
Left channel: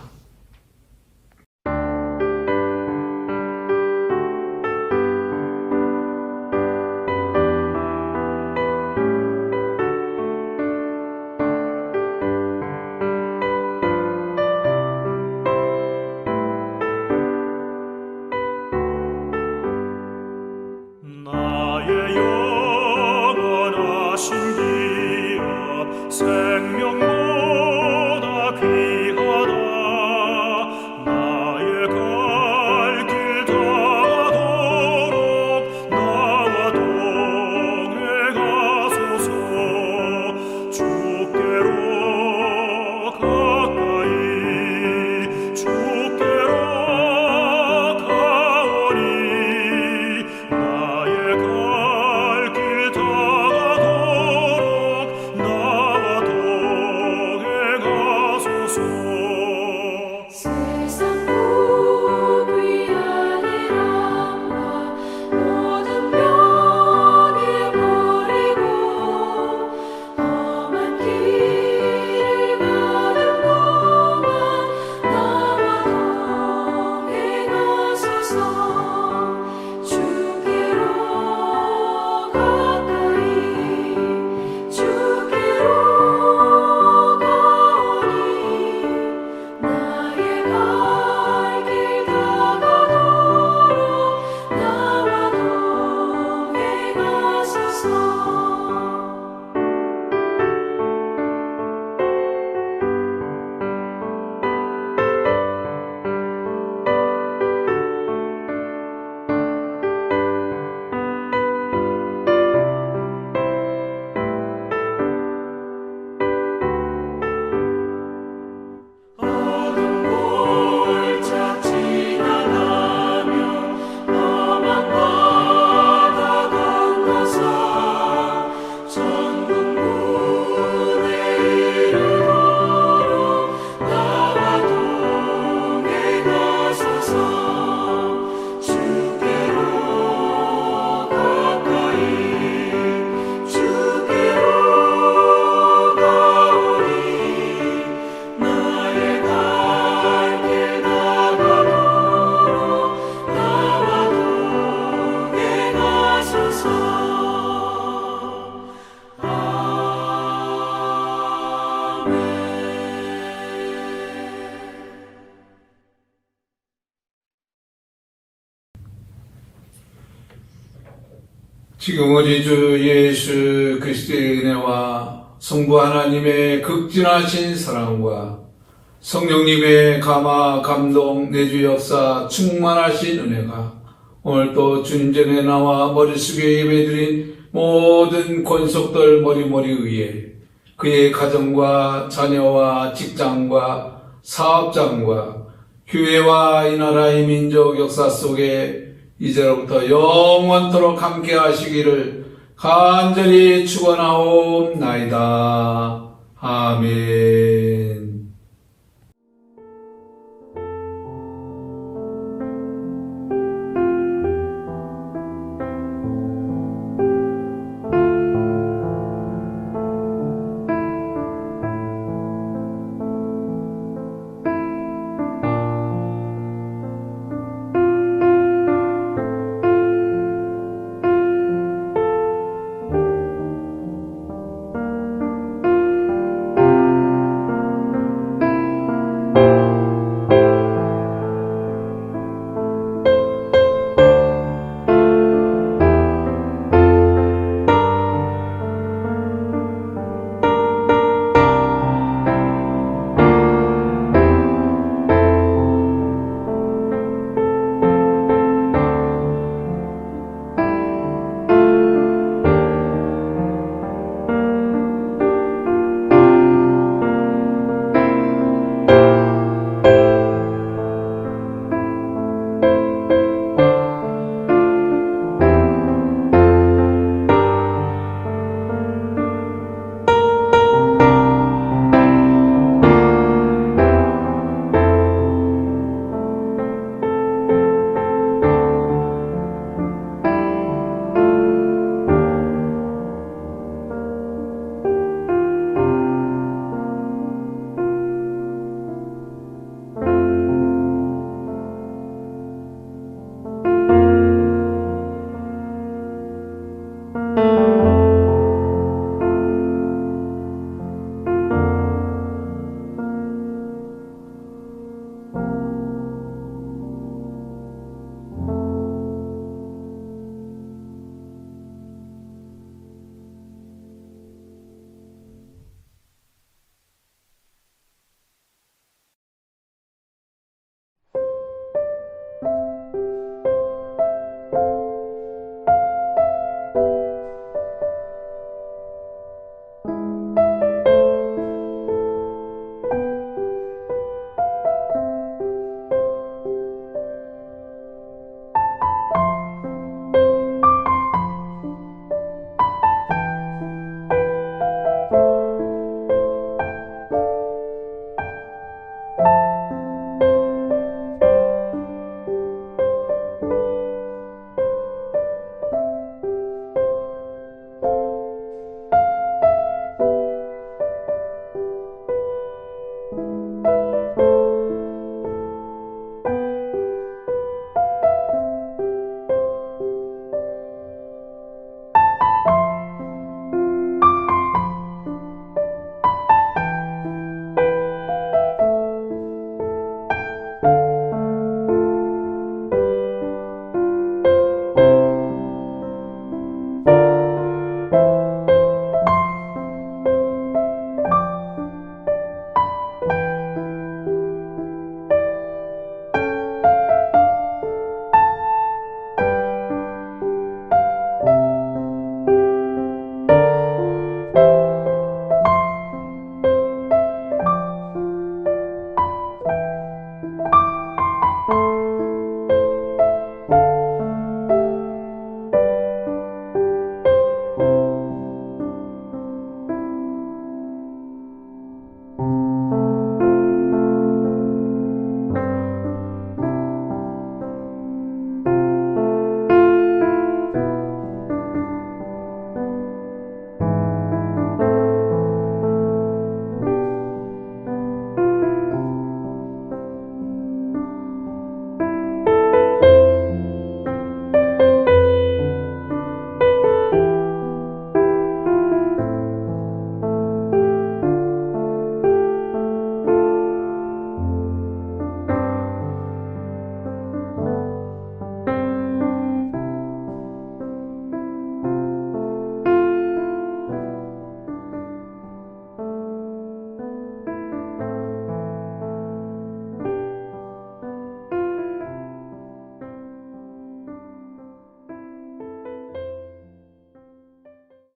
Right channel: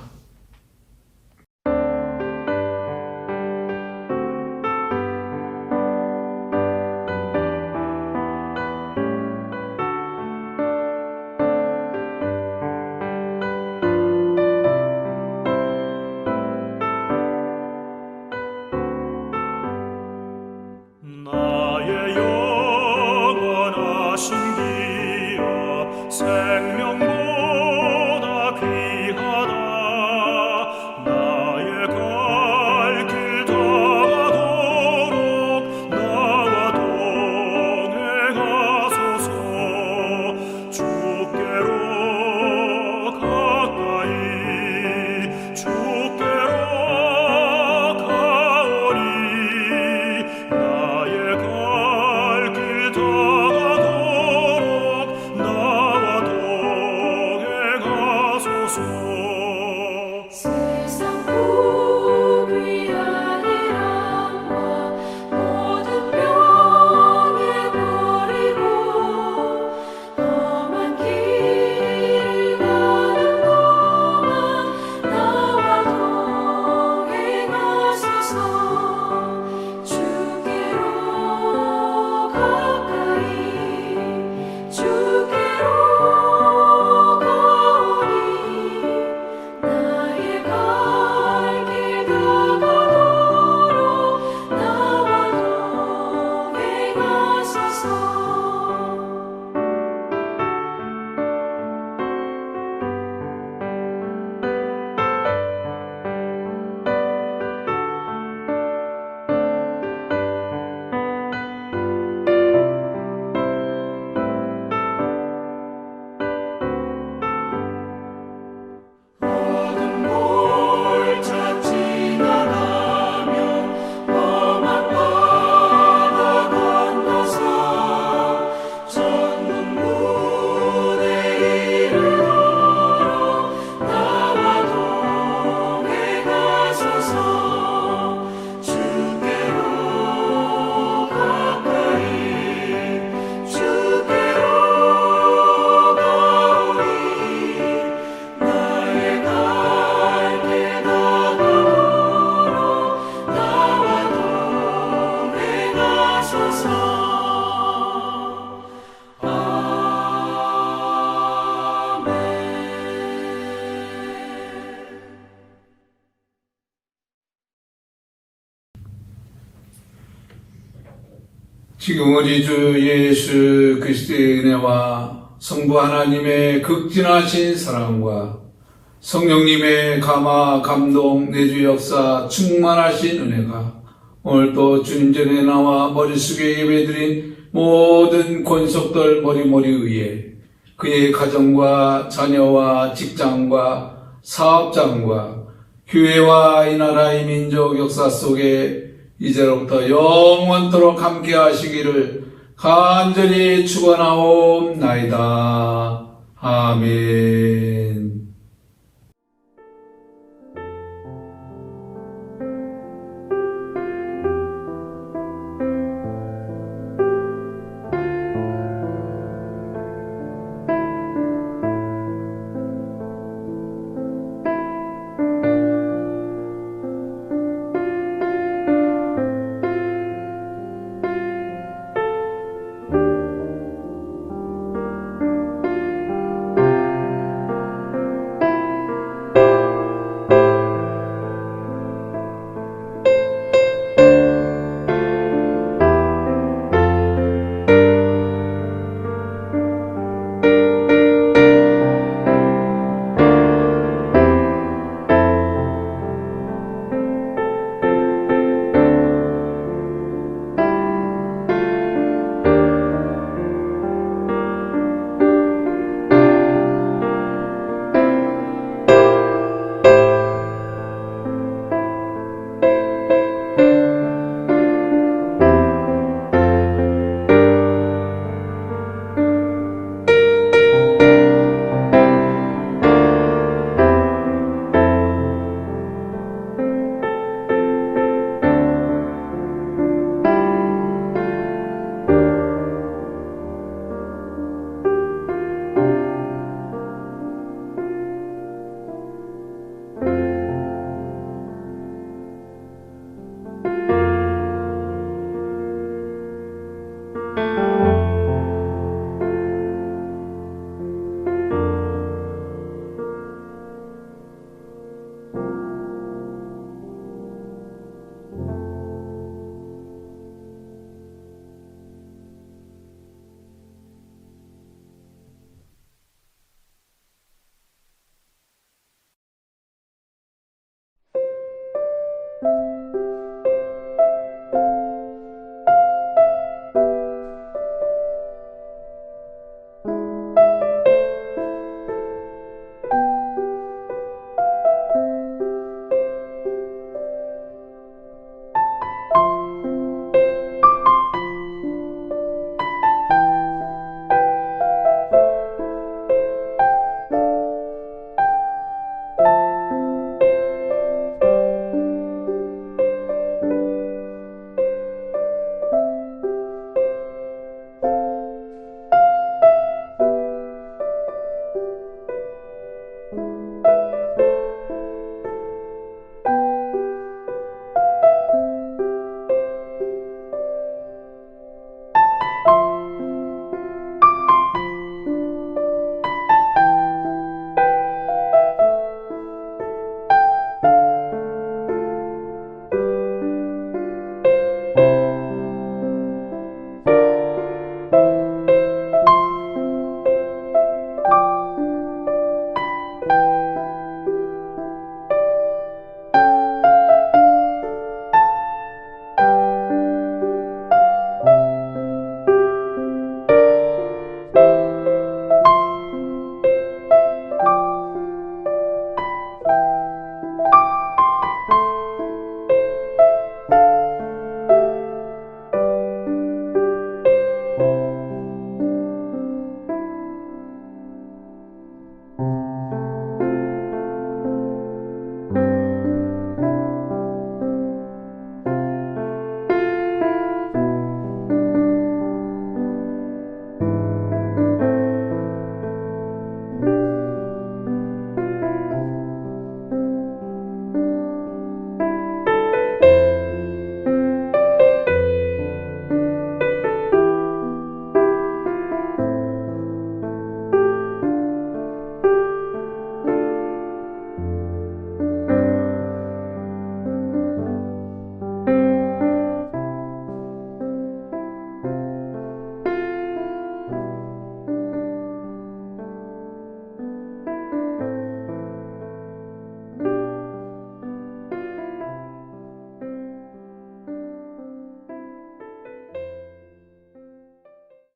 생명보다 귀하다 나의 갈 길 다가도록 나와 동행하소서 주께로 가까이 주께로 가오니 나의 갈 길 다가도록 나와 동행하소서 세상 부귀한 일함과 모든 병에 버리고 험한 길을 가는 동안 나와 동행하소서 주께로 가까이 주께로 가오니 나의 갈 길 다가도록 나와 동행하소서 어둠 골짝 지나가며 험한 바다 건너서 천국문에 이르도록 나와 동행하소서 주께로 가까이 주께로 가오니 나의 갈 길 다가도록 나와 동행하소서 지금 우리 주 예수 그리스도의 은혜와 성부 하나님의 극진하신 사랑과 성령님의 감화, 감동, 내주 역사, 충만하신 은혜가 오늘도 주님 전에 나와 머릿속에 예배드린 모든 권속들 머리머리 위에 그의 가정과 자녀와 직장과 사업장과 교회와 이 나라의 민족 역사 속에 이제로부터 영원토록 함께 하시기를 간절히 축원하옵나이다.